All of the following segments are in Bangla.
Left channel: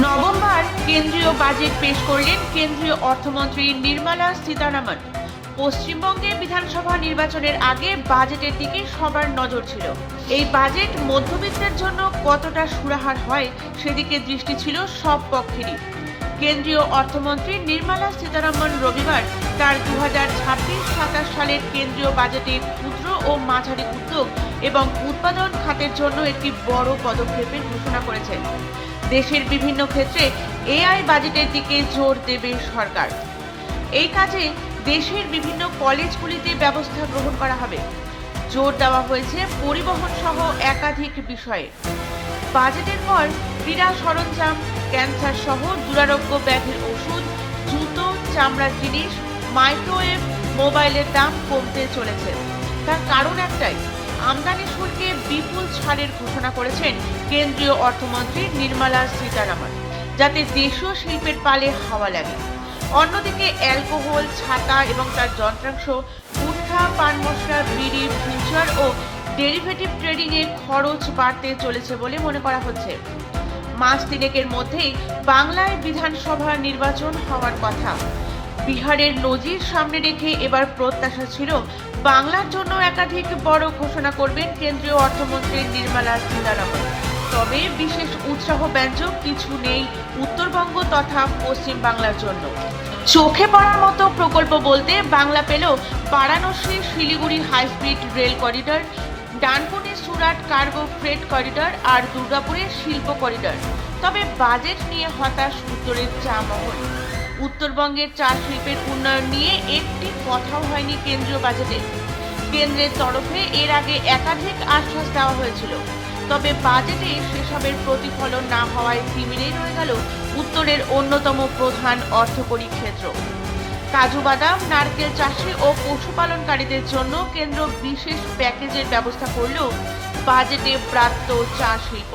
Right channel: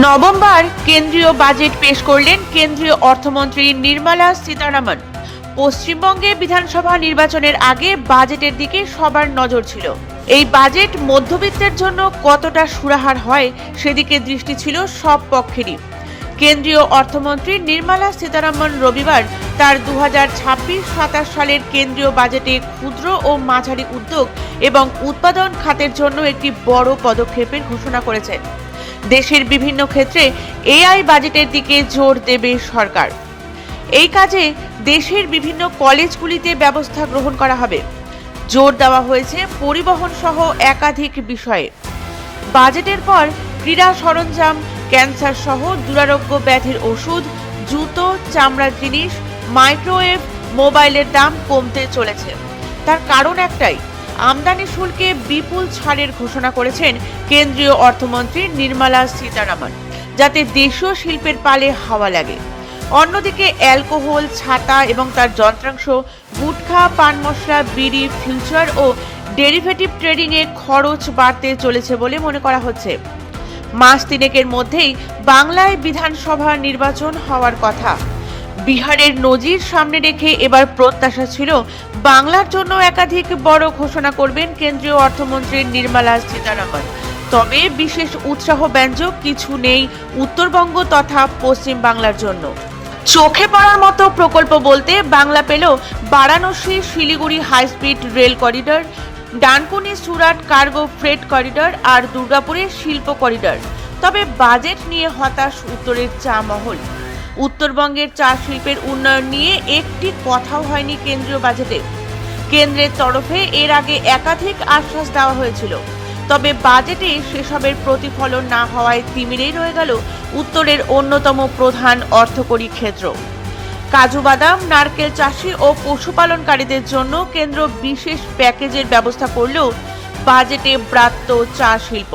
নভেম্বর কেন্দ্রীয় বাজেট পেশ করলেন কেন্দ্রীয় অর্থমন্ত্রী নির্মলা সীতারামন। পশ্চিমবঙ্গে বিধানসভা নির্বাচনের আগে বাজেটের দিকে সবার নজর ছিল। এই বাজেট মধ্যবিত্তের জন্য কতটা সুরাহার হয় সেদিকে দৃষ্টি ছিল সব পক্ষেরই। কেন্দ্রীয় অর্থমন্ত্রী নির্মলা সীতারামন রবিবার তার দু হাজার সালের কেন্দ্রীয় বাজেটে ক্ষুদ্র ও মাঝারি উদ্যোগ এবং উৎপাদন খাতের জন্য একটি বড় পদক্ষেপের ঘোষণা করেছেন দেশের বিভিন্ন ক্ষেত্রে এআই বাজেটের দিকে জোর দেবে সরকার। এই কাজে দেশের বিভিন্ন কলেজগুলিতে ব্যবস্থা গ্রহণ করা হবে। জোর দেওয়া হয়েছে পরিবহন সহ একাধিক বিষয়ে। বাজেটের পর ক্রীড়া সরঞ্জাম, ক্যান্সার সহ দুরারোগ্য ব্যাধির ওষুধ, জুতো, চামড়ার জিনিস, মাইক্রোওয়েভ, মোবাইলের দাম কমতে চলেছে। তার কারণ একটাই, আমদানি শুল্কে বিপুল ছাড়ের ঘোষণা করেছেন কেন্দ্রীয় অর্থমন্ত্রী নির্মলা সীতারামন, যাতে দেশীয় শিল্পের পালে হাওয়া লাগে। অন্যদিকে অ্যালকোহল, ছাতা এবং তার যন্ত্রাংশ, গুটখা, পান মশলা, বিড়ি, ফিউচার ও ডেরিভেটিভ ট্রেডিংয়ে খরচ বাড়তে চলেছে বলে মনে করা হচ্ছে। মাস তিনেকের মধ্যেই বাংলায় বিধানসভা নির্বাচন হওয়ার কথা। বিহারের নজির সামনে রেখে এবার প্রত্যাশা ছিল, বাংলার জন্য একাধিক বড় ঘোষণা করবেন কেন্দ্রীয় অর্থমন্ত্রী নির্মলা সীতারামন। তবে বিশেষ উৎসাহ ব্যঞ্জক কিছু নেই উত্তরবঙ্গ তথা পশ্চিম বাংলার জন্য। চোখে পড়ার মতো প্রকল্প বলতে বাংলা পেল Varanasi Siliguri high speed rail corridor Dankuni Surat cargo freight corridor আর দুর্গাপুরের শিল্প করিডর। তবে বাজেট নিয়ে হতাশ উত্তরের চা মহল। উত্তরবঙ্গের চা শিল্পের উন্নয়ন নিয়ে একটি কথাও হয়নি কেন্দ্রীয় বাজেটে। কেন্দ্রের তরফে এর আগে একাধিক আশ্বাস দেওয়া হয়েছিল। তবে বাজেটে সেসবের প্রতিফলন না হওয়ায় তিমিরেই রয়ে গেল উত্তরের অন্যতম প্রধান অর্থকরী ক্ষেত্র। কাজু বাদাম, নারকেল চাষি ও পশুপালনকারীদের জন্য কেন্দ্র বিশেষ প্যাকেজের ব্যবস্থা করলেও বাজেটে ব্রাত্য চা শিল্প।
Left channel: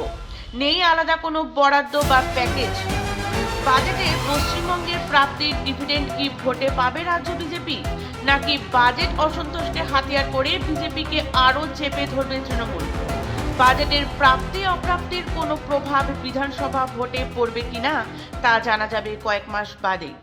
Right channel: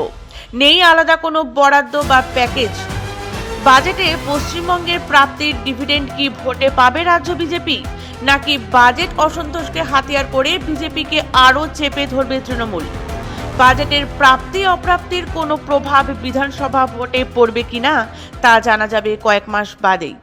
নেই আলাদা কোনো বরাদ্দ বা প্যাকেজ। বাজেটে পশ্চিমবঙ্গের প্রাপ্তির ডিভিডেন্ড কি ভোটে পাবে রাজ্য বিজেপি? নাকি বাজেট অসন্তোষকে হাতিয়ার করে বিজেপিকে আরও চেপে ধরবে তৃণমূল? বাজেটের প্রাপ্তি, অপ্রাপ্তির কোনো প্রভাব বিধানসভা ভোটে পড়বে কিনা তা জানা যাবে কয়েক মাস বাদেই।